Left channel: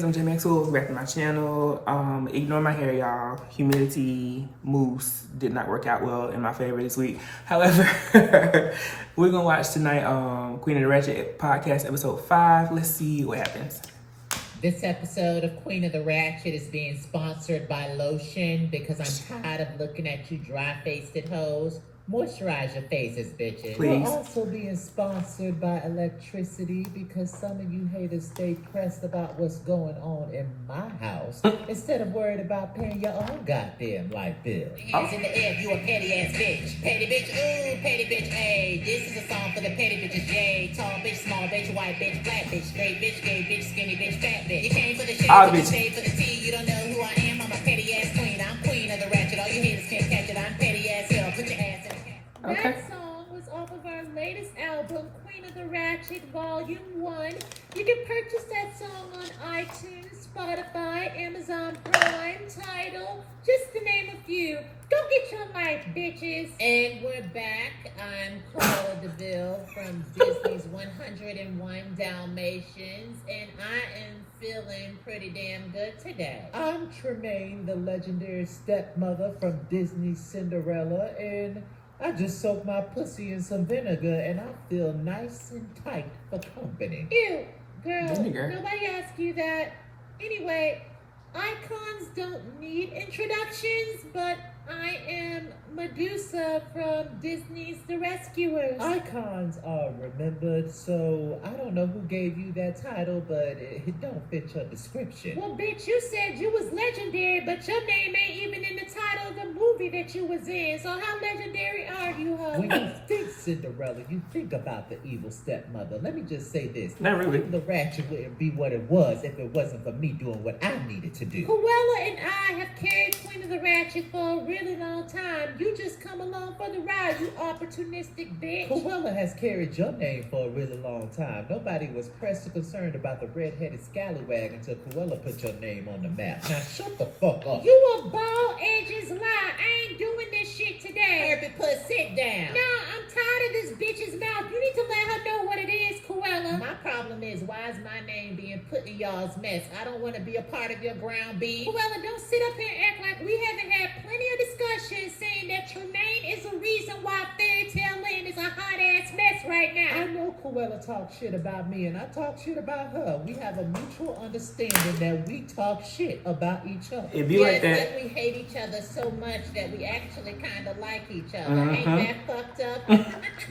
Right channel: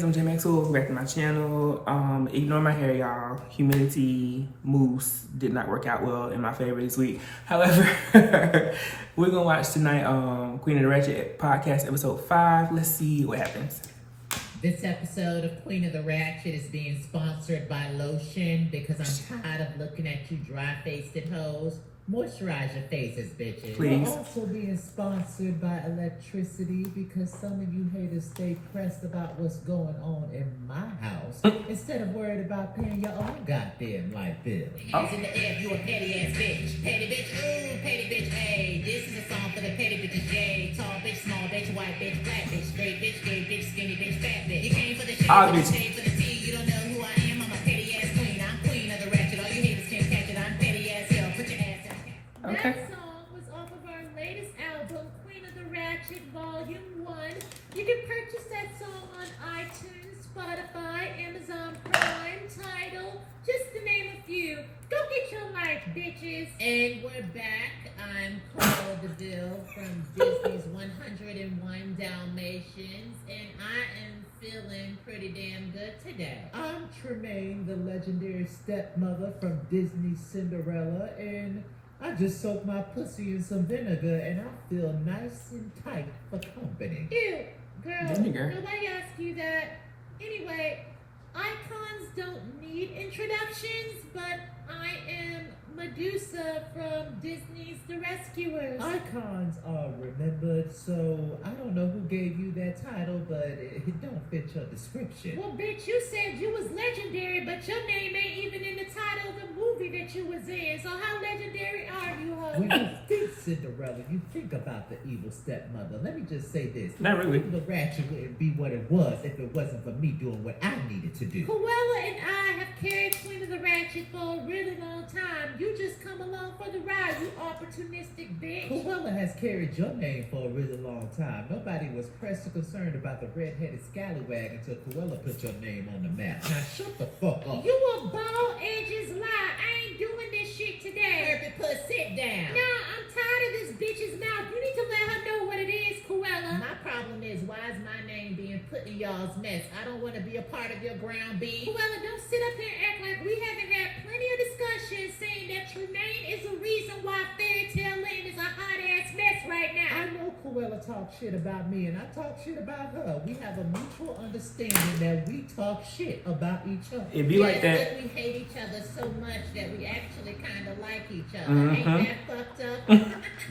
guys, I'm J.Max. Welcome back to my channel. Ignore my hair, y'all. Humidity mousse did not work out well in my favor this week. However, we're gonna watch tonight Queen of the Ratchet podcast episode 5. Let's see what happens. This episode of Queen of the Ratchet is being sponsored by lotion because I'm tired of looking at you dry-faced hoes. Moisturize your faces, bitches. Please. We're also being sponsored by electricity because some of you haters stay pressed about what's going on in my house instead of worried about paying your own goddamn light bill. Hands in the air, you a petty ass bitch. Petty bitch, ooh, petty bitch, hey. This is a song for the petty bitches, yay. Tall bitch, small bitch, white bitch, black bitch, straight bitch, gay bitch, skinny bitch, fat bitch. You came for the shit, you paid for the tea. You don't know who I am, I'm a petty ass queen. I'm queen of the ratchet. All you haters can't catch it. I'm petty ass hell. Put your ass in. Okay. That song was off of our latest album, Queen of the Ratchet, Volume 1. You can purchase that song on iTunes, Spotify, Amazon Prime, Tidal, just to name a few. Go get your life, bitches. And we're back. I'm Cruella DeVille from Disney's 101 Dalmatians, and I am feeling pretty damn good today. I'm Tremaine, the legendary stepmother from Disney's Cinderella, and I just soaked my pussy in some vinegar and I feel nice and tight for company. Ew, girl, Vinegar. nobody asked you that. Anyway, icons don't need introductions, but I am Medusa from Disney's The Rescuers. Icons are remembered, so I don't know who gave you that title, but it don't fit your description. Well, bitch, you said you was legendary, but your name ain't even in the title of the movie that you was in. So how legendary are you, ho? When you think Cinderella, you think about the evil stepmother. Let me just say this. Not really. The Ratchet wouldn't be what it was if it wasn't for me doing what I needed to do. Cruella and I have carried Queen of the Ratchet for a really long time. You just come along for the ride, you opportunistic bitch. Cruella has carried your name for a really long time. Nobody was pressed or concerned about the red-headed scallywag until Cruella put your name on the map. Now shut the fuck up. You a bald edges lie. I ain't doing this shit today. Herbie, put sit down. Nah, I'm tired of this bitch's mouth. You need to let her know what it is, Cruella. My problem is, why is my name being put in y'all's mess? I don't want to be a part of your ground beef. Cruella, don't sit up here and act like we haven't had plenty of discussions saying that Tremaine is the reason why Fairy Tale Land is a hot-ass mess right I now. know Cruella talks shit about me and I talk shit about her. We have a mutual understanding that we talk shit about each other. It be like Yes, that. we hate each other so much that we actually kind of like each other. Mhm. Ain't that fucked up?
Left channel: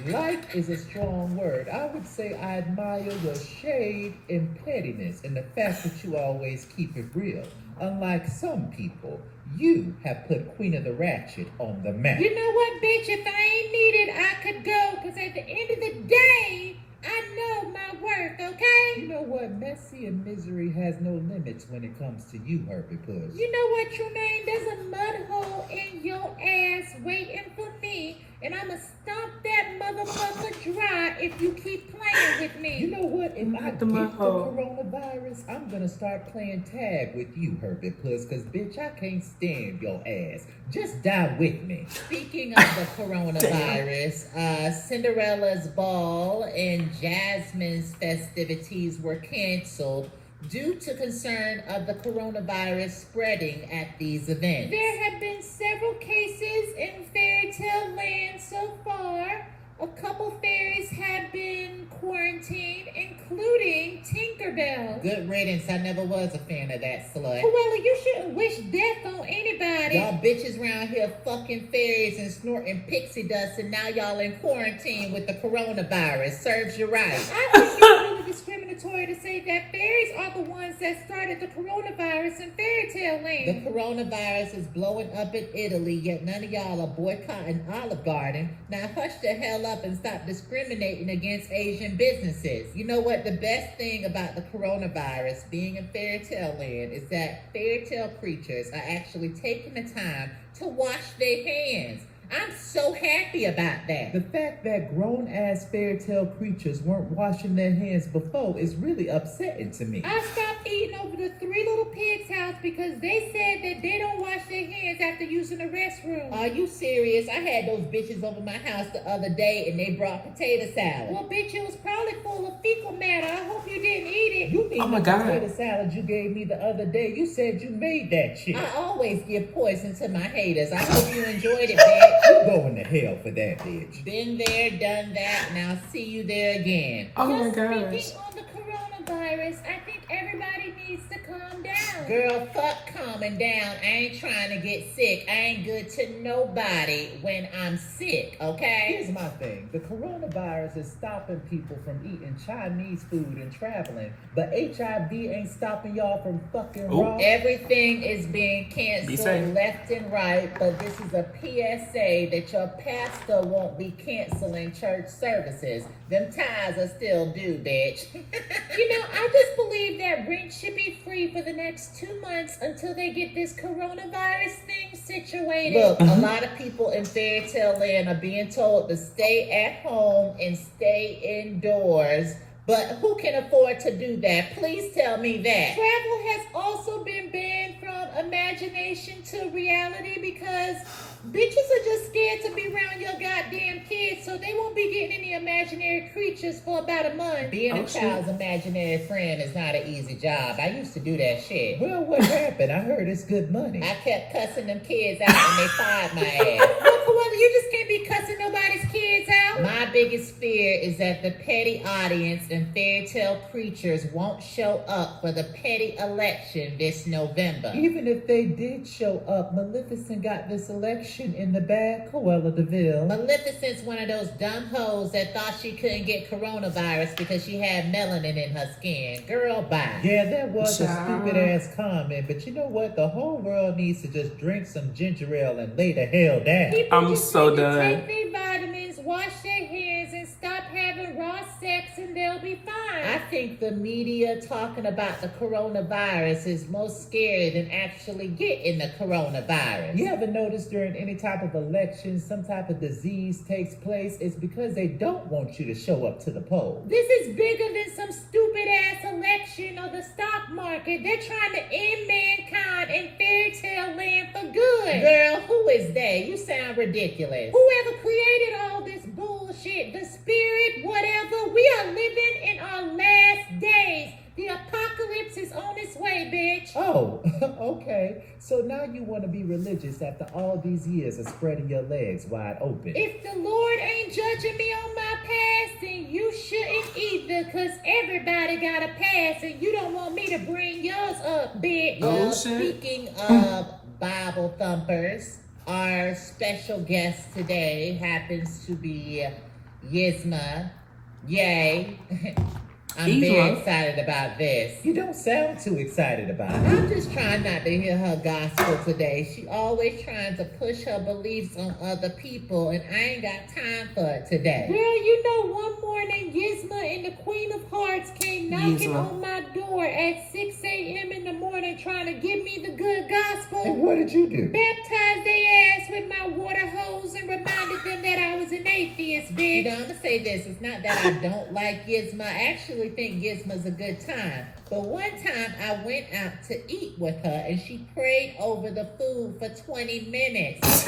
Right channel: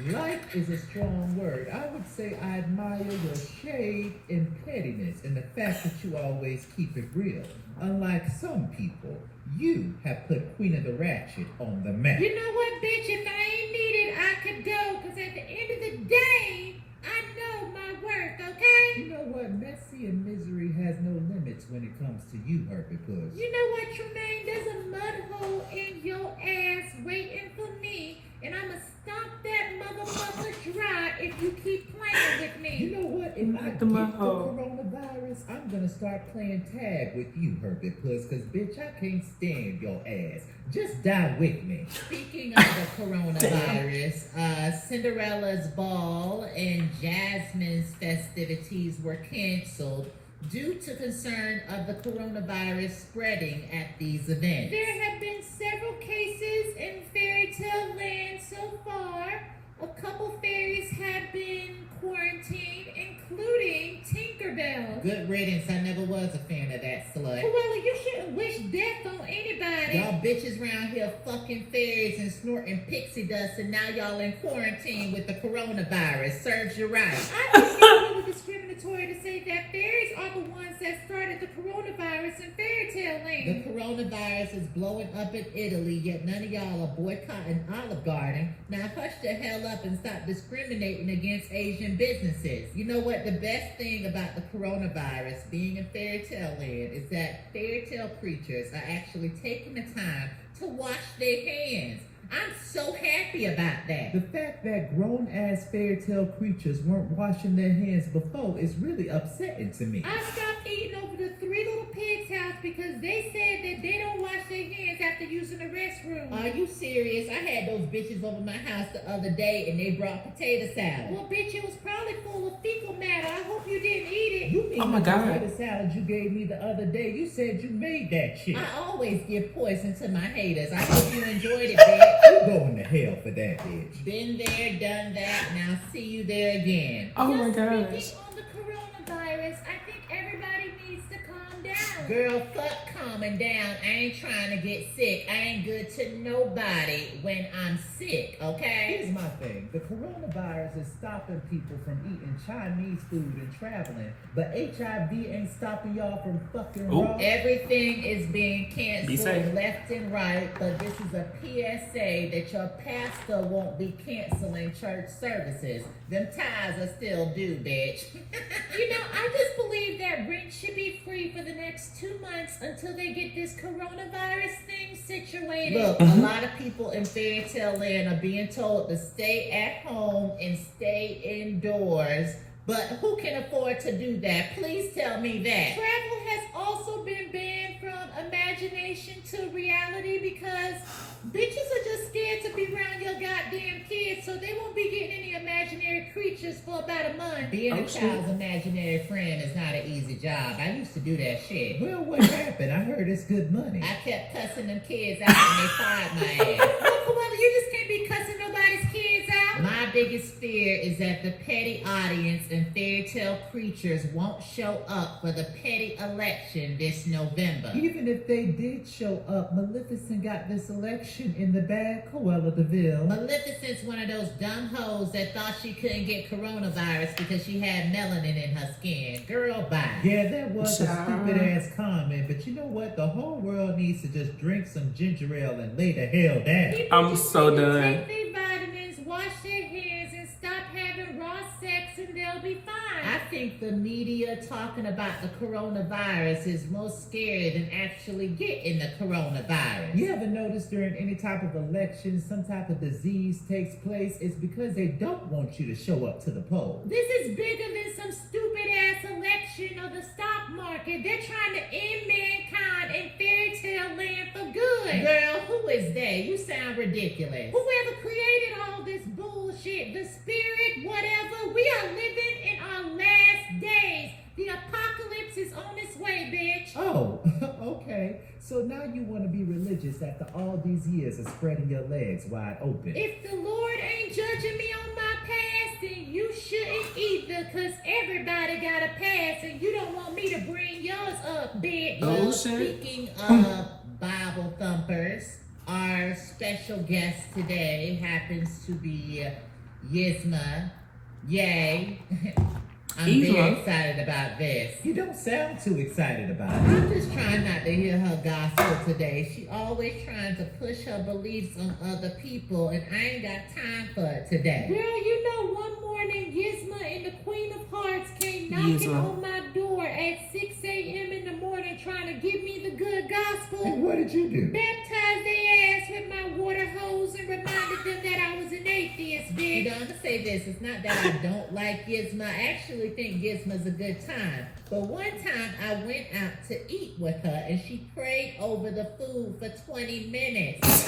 Like is a strong word. I would say I admire your shade and pettiness and the fact that you always keep it real. Unlike some people, you have put Queen of the Ratchet on the map. You know what, bitch? If I ain't needed, I could go. Because at the end of the day, I know my worth, okay? You know what? Messy and misery has no limits when it comes to you, Herbie Puss. You know what, Tremaine? There's a mud hole in your ass waiting for me. And I'ma stomp that motherfucker dry if you keep playing with me. You know what? If I Not get the the mud hole. coronavirus, I'm gonna start playing tag with you, Herbie Puss, because bitch, I can't stand your ass. Just die with me. Speaking of the coronavirus, Cinderella's ball and Jasmine's festivities were canceled due to concern of the coronavirus spreading at these events. There have been several cases in Fairy Tale Land so far. A couple fairies have been quarantined, including Tinkerbell. Good riddance. I never was a fan of that slut. Cruella, you shouldn't wish death on anybody. Y'all bitches around here fucking fairies and snorting pixie dust, and now y'all in quarantine with the coronavirus. Serves you right. I think it's a little discriminatory to say that fairies are the ones that started the coronavirus in Fairy Tale The Land. coronavirus is blowing up in Italy, yet none of y'all are boycotting Olive Garden. Now hush the hell up and stop discriminating against Asian businesses. You know what? The best thing about the coronavirus being in Fairy Tale Land is that fairy tale creatures are actually taking the time to wash their hands. I'm so happy about that. The fact that grown-ass fairy tale creatures weren't washing their hands before is really upsetting to me. I stopped eating over the Three Little Pigs house because they said that they don't wash their hands after using the restroom. restroom. Are you serious? I had those bitches over my house the other day and they brought potato salad. Well, bitch, it was probably full of fecal matter. I hope you didn't eat it. You mean Oh my the God. potato salad you gave me the other day? You said you made that shit. I always give poison to my haters. I hope you enjoyed it, bitch. You going to hell for that, bitch. Been there, done that. Now see you there again. Oh my Just gosh. Speaking on the coronavirus, I think everybody needs to calm down. Girl, fuck calming down. I ain't trying to get sick. I ain't good to nobody when I'm sick, okay? Here's my thing. The coronavirus is stopping people from eating Chinese food and traveling, but HIV ain't stopping y'all from fucking Ooh. raw. Everything is being Be canceled safe. left and right, but this is a PSA that your pastor won't be canceling church services. Them ties are still due, bitch. You know, I just believe that rent should be free for the next 2 months until they get this coronavirus thing situated. Look, a lot of people in fairy tale land are being told to stay at home and stay indoors. But who can afford to do that? Please tell me that. Travel has also been banned from imagination to reality because bitches are just scared to be around your goddamn kids, so they won't be getting any imaginary creatures for about a month. Being Oh, a shit. child's imaginary friend is not an easy job. I used to do that shit. Well, what happened? I heard it's good money. I kept cussing them kids out and they fired my ass. Well, you just can't be cussing nobody's kids out. My biggest fear is that the petty audience and fairy tale creatures won't show up for the petty election this November. Even if they did show up, Maleficent got this election in the bag, Cruella de Vil. Maleficent's one of those dumb hoes that thought she couldn't get coronavirus because she had melanin in her skin. Girl, bye. Yeah, that was a Child. stupid ass comment, but you know what? The whole world needs to just drink some ginger ale and lay the hell down. People I'm just so need to done. Take their vitamins, wash their hands, and stop having raw sex, and they'll be fine. I think the media talking about the coronavirus is more scary than actually getting the coronavirus. You ever notice during any type of election, some type of disease takes place? It's because they don't want you to show up to the polls. This is bigger than some stupid ass election or the stock market. They're trying to end mankind in fairy tale land for good. Girl, who is they? You sound ridiculous. Whoever created all this bullshit, the spirit, whatever, we are living in our last days. The apocalypse is on its way, bitch. Oh, okay. So now you want to be religious after all these years of spreading your legs wide open. If the Lord ain't judging me on my past, then you shouldn't either, because everybody got a past, and you don't want me to bring yours up, bitch. Oh, Well, shit. speaking of Bible thumpers, our special guest today happens to be Yzma. Yay. I'm very Yzma. excited about this. You don't sound too excited about it. I'm just trying not to hear her gospel today. She always trying to push her beliefs on other people, and I ain't got time for it today. Girl, you know, one morning, Yzma and the Queen of Hearts came knocking Yzma. on my door at 6 a.m. in the morning trying to give me the good And gospel. what did you do? Baptized their ass with my water hose and reminded them that I was an atheist, You bitch. know, I'm gonna say this. It's not that I don't like Yzma. I actually think Yzma's a good time. But one time I went out to eat with her and she prayed over the food for 20 minutes.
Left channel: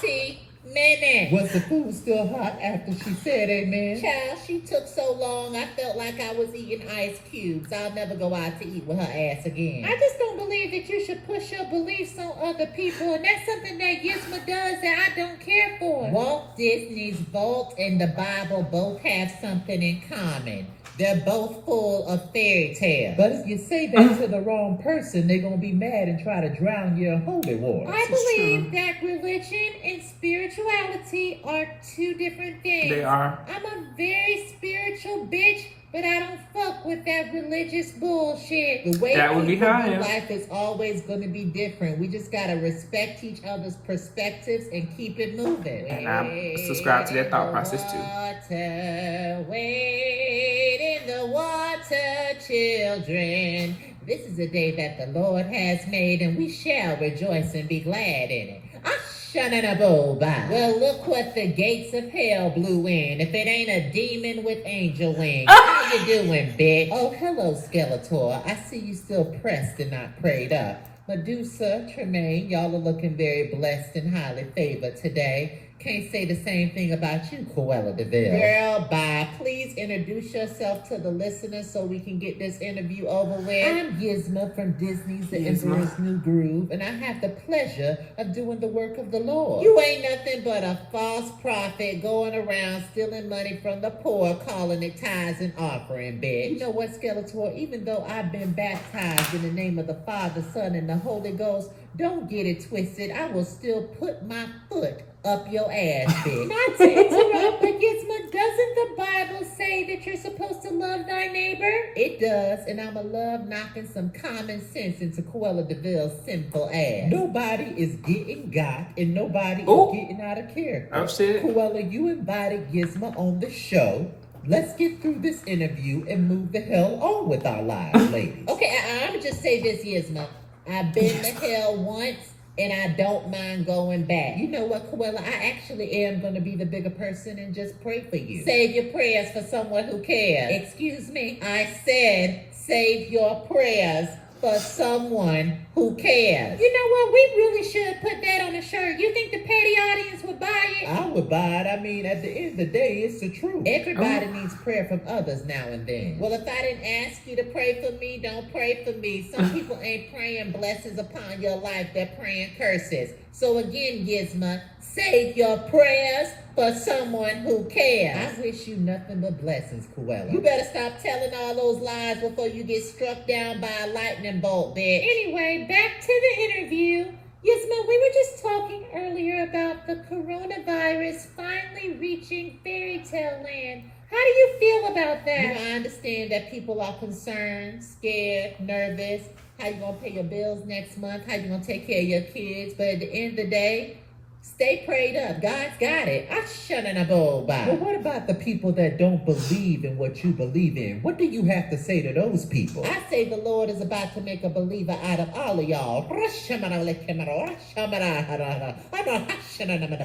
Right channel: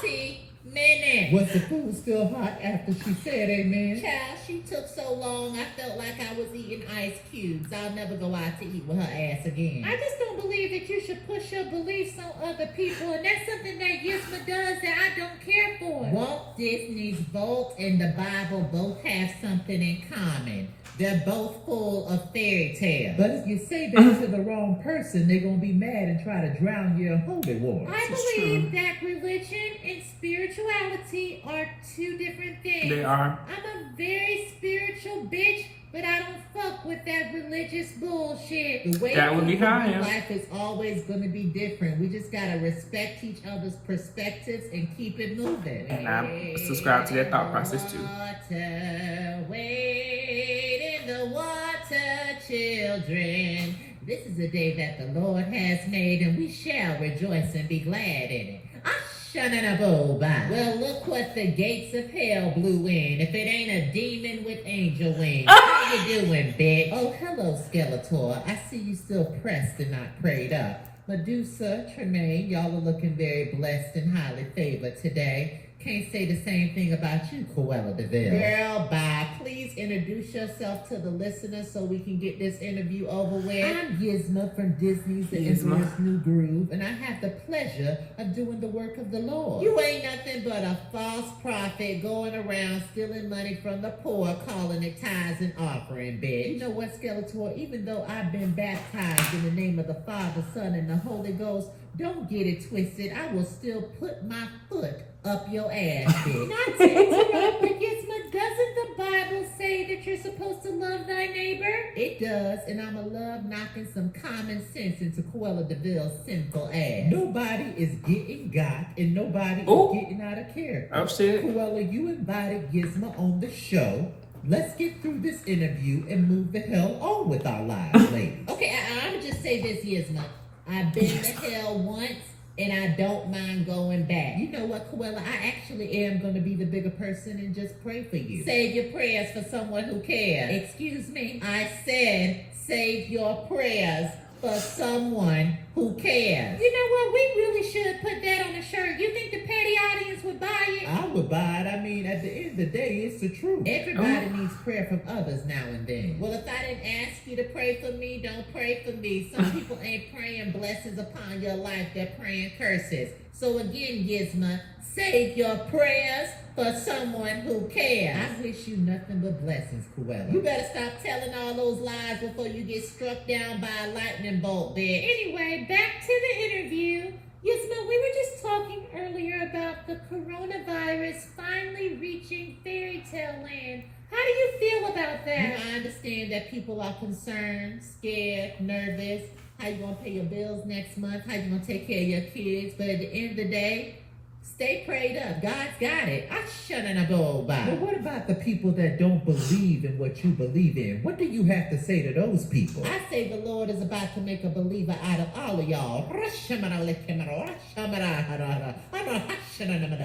20 minutes. Was the food still hot after she said amen? Child, she took so long, I felt like I was eating ice cubes. I'll never go out to eat with her ass again. I just don't believe that you should push your beliefs on other people, and that's something that Yzma does that I don't care for. Walt Disney's Vault and the Bible both have something in common. They're both full of fairy tales. But if you say that to the wrong person, they're going to be mad and try to drown you in holy water. I This is believe true. that religion and spirituality are two different things. They are. I'm a very spiritual bitch, but I don't fuck with that religious bullshit. The way That would be people how I do am. life is always going to be different. We just got to respect each other's perspectives and keep it moving. And I subscribe to that thought process too. Water, wade in the water, children. This is a day that the Lord has made, and we shall rejoice and be glad in it. Ashana-na-bo-ba. Well, look what the gates of hell blew in. If it ain't a demon with angel wings. How you doing, bitch? Oh, hello, Skeletor. I see you still pressed and not prayed up. Medusa, Tremaine, y'all are looking very blessed and highly favored today. Can't say the same thing about you, Cruella DeVille. Girl, bye. Please introduce yourself to the listeners so we can get this interview over with. I'm Gizmo from Disney's The Emperor's New Groove, and I have the pleasure of doing the work of the Lord. You ain't nothing but a false prophet going around stealing money from the poor, calling it tithes and offering, bitch. You know what, Skeletor? Even though I've been baptized in the name of the Father, Son, and the Holy Ghost, don't get it twisted. I will still put my foot up your ass, bitch. Not to interrupt, but Gizmo, doesn't the Bible say that you're supposed to love thy neighbor? It does, and I'ma love knocking some common sense into Cruella DeVille's sinful ass. Nobody is getting got, and nobody Ooh. is getting out of character. Oh shit. Cruella, you invited Gizmo on the show. Let's get through this interview and move the hell on with our lives, ladies. Okay, I'ma just say this, Gizmo. I've been to hell once, and I don't mind going back. You know what, Cruella? I actually am going to be the bigger person and just pray for you. Save your prayers for someone who cares. Excuse me? I said save your prayers for someone who cares. You know what? We really should put that on a shirt. You think the petty audience would buy it? I would buy it. I mean, at the end of the day, it's the truth. Everybody needs prayer from others now and then. Well, if I didn't ask you to pray for me, don't pray for me. Some people ain't praying blessings upon your life. They're praying curses. So again, Gizmo, save your prayers for someone who cares. I wish you nothing but blessings, Cruella. You better stop telling all those lies before you get struck down by a lightning bolt, bitch. Anyway, back to the interview. Gizmo, we were just talking earlier about the coronavirus finally reaching fairy tale land. How do you feel about that? I understand that people are concerned, scared, nervous. How you gonna pay your bills next month? How you gonna take care of your kids? But at the end of the day, stay prayed up. God's got it. I shut in a bowl by. But what about the people that don't believe in what you believe in? What do you have to say to those people? I say the Lord is about to make a believer out of all of y'all.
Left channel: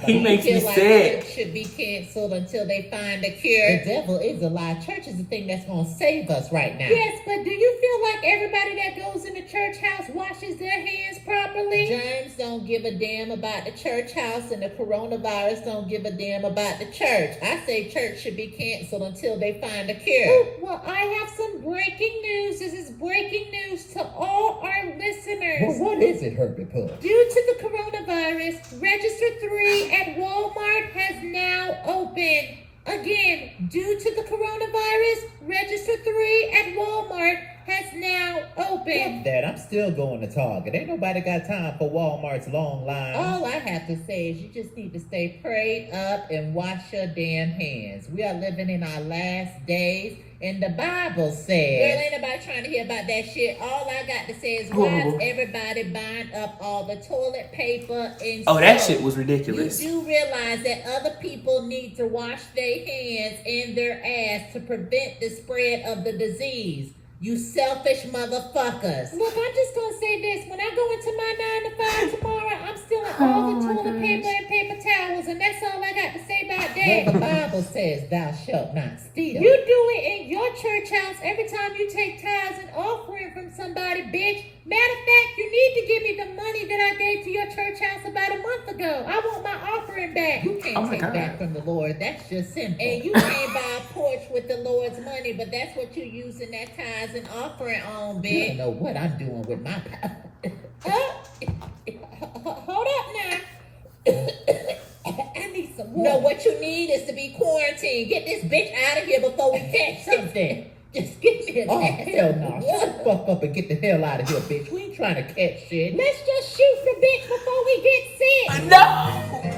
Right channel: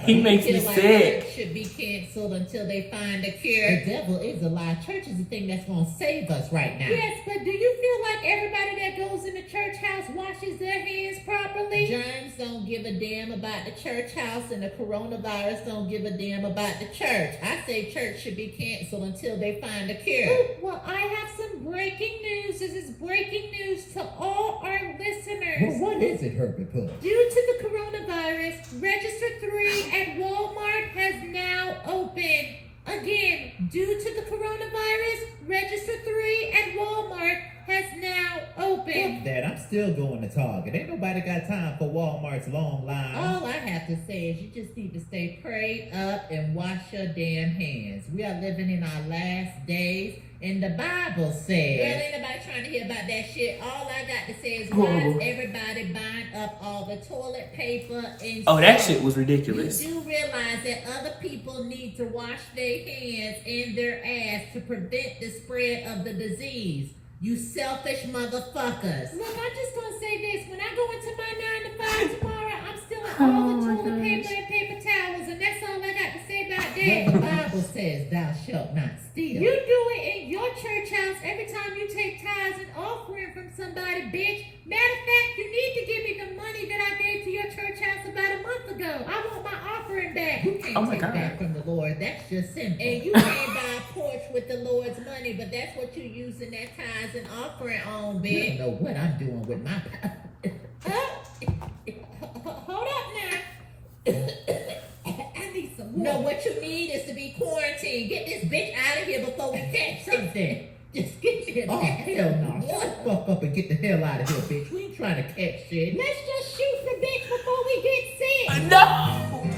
He makes me sick. Should be canceled until they find a cure. The devil is a lie. Church is the thing that's going to save us right now. Yes, but do you feel like everybody that goes in the church house washes their hands properly? Germs don't give a damn about the church house, and the coronavirus don't give a damn about the church. I say church should be canceled until they find a cure. Oh, well, I have some breaking news. This is breaking news to all our listeners. Well, what is it, Herbie Puff? Due to the coronavirus, Register 3 at Walmart has now opened. Again, due to the coronavirus, Register 3 at Walmart has now opened. Fuck that. I'm still going to Target. Ain't nobody got time for Walmart's long line. All I have to say is you just need to stay prayed up and wash your damn hands. We are living in our last days, and the Bible says... Girl, ain't nobody trying to hear about that shit. All I got to say is why is everybody buying up all the toilet paper and Oh, that shit was ridiculous. You do realize that other people need to wash their hands and their ass to prevent the spread of the disease. You selfish motherfuckers. Look, I'm just gonna say this. When I go into my 9 to 5 tomorrow, I'm stealing all the toilet paper and paper towels, and that's all I got to say about that. Well, the Bible says thou shalt not steal. You do it in your church house every time you take tithes and offering from somebody, bitch. Matter of fact, you need to give me the money that I gave to your church house about a month ago. I want my offering back. You can't take that from the Lord. That's just simple. And you can't buy a porch with the Lord's money, but that's what you using that tithes and offering on, bitch. You don't know what I'm doing with my Hold up now. I need some water. No, what you need is to be quarantined. Get this bitch out of here before we catch something. Just get me a Oh, hell no. Shut the fuck up and get the hell out of here, bitch. We ain't trying to catch shit. Let's just shoot the bitch before we get sick. No!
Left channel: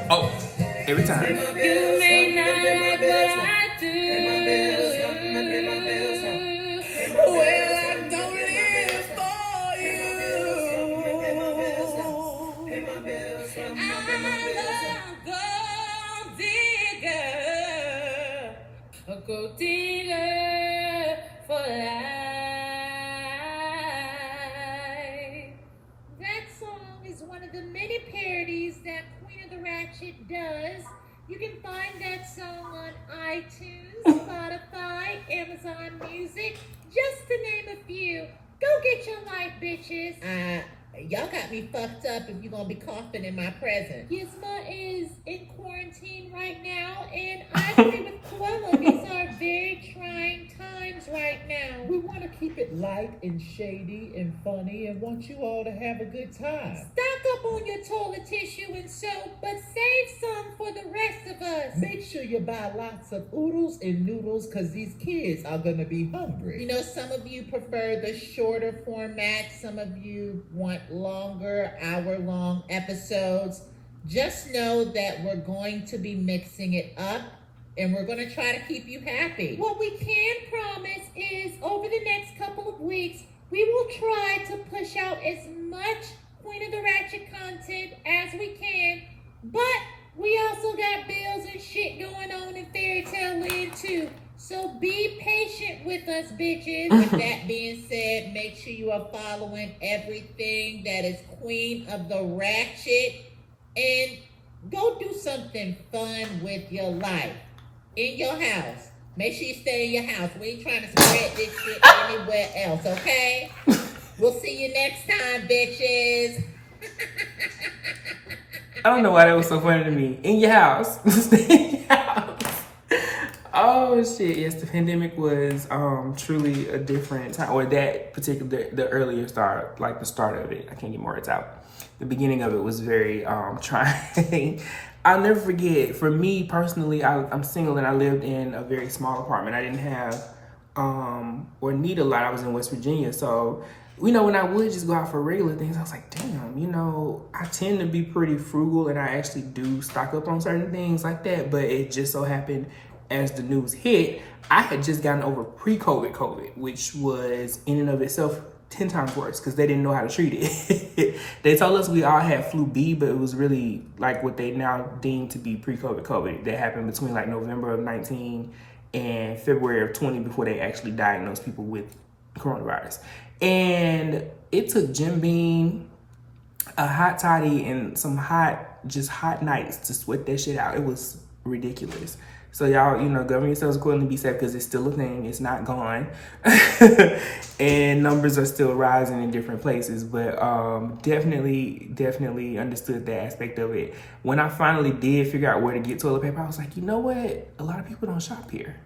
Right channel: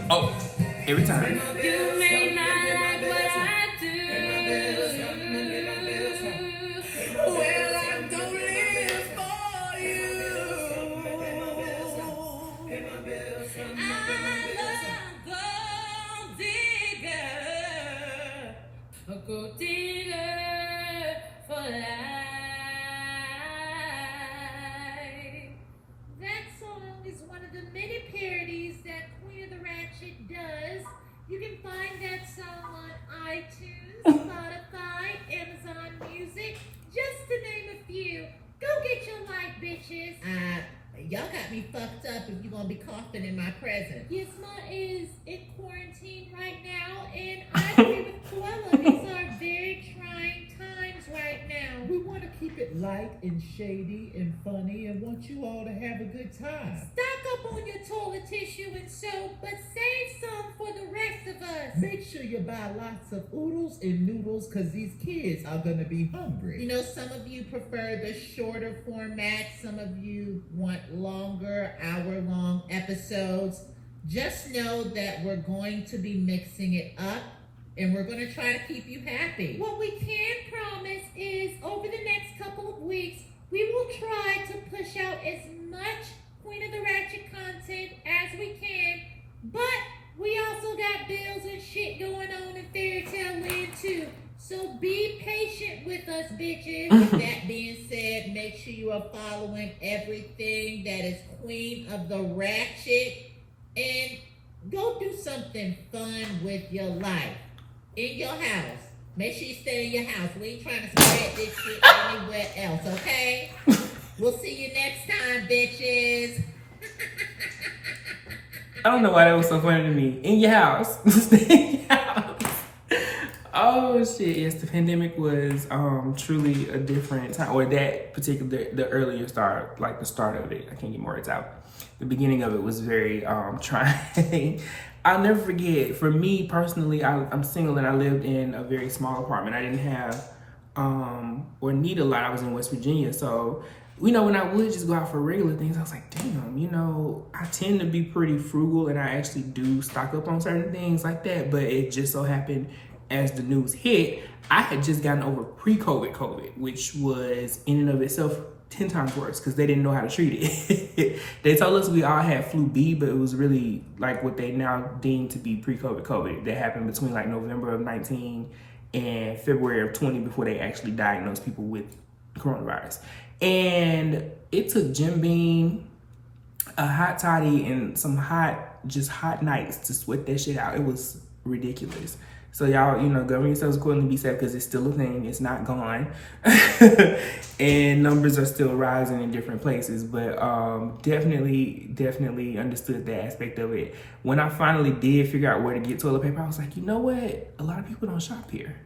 Oh, every time. You may not like what I do. Well, I'm gonna live for you. I'm a gold digger for life. That song is one of the many parodies that Queen of the Ratchet does. You can find that song on iTunes, Spotify, Amazon Music, just to name a few. Go get your life, bitches. Y'all got me fucked up if you're gonna be coughing in my presence. Gizma is in quarantine right now, and I agree with Cruella. These are very trying times right now. We want to keep it light and shady and funny and want you all to have a good time. Stock up on your toilet tissue and soap, but save some for the rest of us. Make sure you buy lots of oodles and noodles because these kids are going to be hungry. You know, some of you prefer the shorter format. Some of you want longer, hour-long episodes. Just know that we're going to be mixing it up, and we're going to try to keep you happy. What we can promise is over the next couple of weeks, we will try to push out as much Queen of the Ratchet content as we can, but we also got bills and shit going on in Fairy Tale Land too. So be patient with us, bitches. With that being said, make sure you are following everything that is Queen of the Ratchet, and go do something fun with your life in your house. Make sure you stay in your house. We ain't trying to spread this shit anywhere else, okay? We'll see you next time, bitches. I don't know why that was so funny to me. In your house. Stay in your house. Oh shit, yes, the pandemic was truly a different time, or that particular, the earlier start, like the start of it. I can't get more words out. The beginning of it was very trying. I'll never forget, for me personally, I'm single and I lived in a very small apartment. I didn't have or need a lot. I was in West Virginia. So, you know, when I would just go out for regular things, I was like, damn, you know, I tend to be pretty frugal and I actually do stock up on certain things like that. But it just so happened as the news hit, I had just gotten over pre-COVID, which was in and of itself 10 times worse because they didn't know how to treat it. They told us we all had flu B, but it was really like what they now deem to be pre-COVID that happened between like November of 19 and February of 20 before they actually diagnosed people with coronavirus. And it took Jim Beam, a hot toddy, and some hot nights to sweat that shit out. It was ridiculous. So y'all, you know, govern yourselves accordingly, be safe, because it's still a thing. It's not gone. And numbers are still rising in different places. But definitely understood that aspect of it. When I finally did figure out where to get toilet paper, I was like, you know what? A lot of people don't shop here.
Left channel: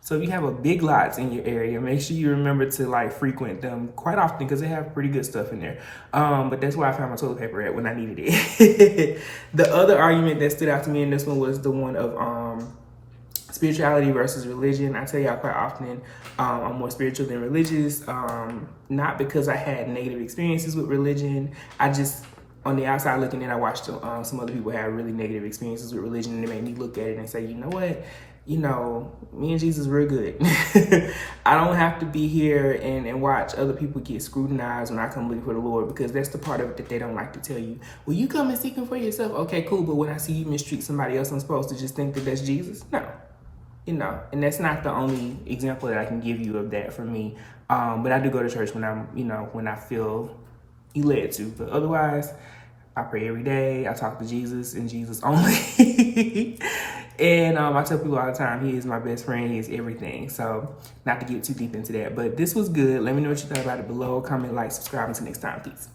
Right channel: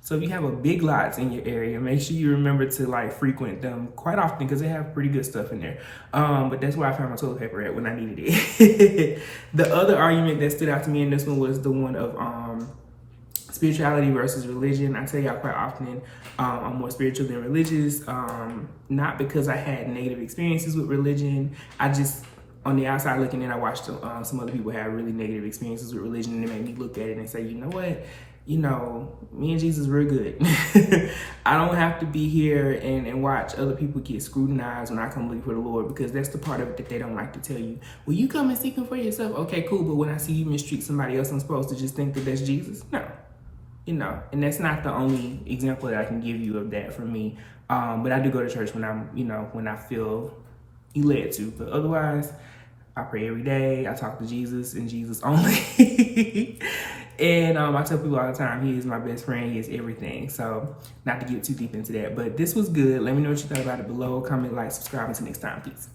So if you have a big lots in your area, make sure you remember to like frequent them quite often because they have pretty good stuff in there. But that's where I found my toilet paper at when I needed it. The other argument that stood out to me in this one was the one of spirituality versus religion. I tell y'all quite often, I'm more spiritual than religious. Not because I had negative experiences with religion. I just, on the outside looking in, I watched some other people have really negative experiences with religion, and it made me look at it and say, you know what? You know, me and Jesus, we're good. I don't have to be here and watch other people get scrutinized when I come looking for the Lord, because that's the part of it that they don't like to tell you. Well, you come and seek him for yourself. Okay, cool. But when I see you mistreat somebody else, I'm supposed to just think that that's Jesus? No. You know, and that's not the only example that I can give you of that for me. But I do go to church when I'm, you know, when I feel led to. But otherwise, I pray every day. I talk to Jesus and Jesus only. And I tell people all the time, he is my best friend. He is everything. So not to get too deep into that. But this was good. Let me know what you thought about it below. Comment, like, subscribe. Until next time. Peace.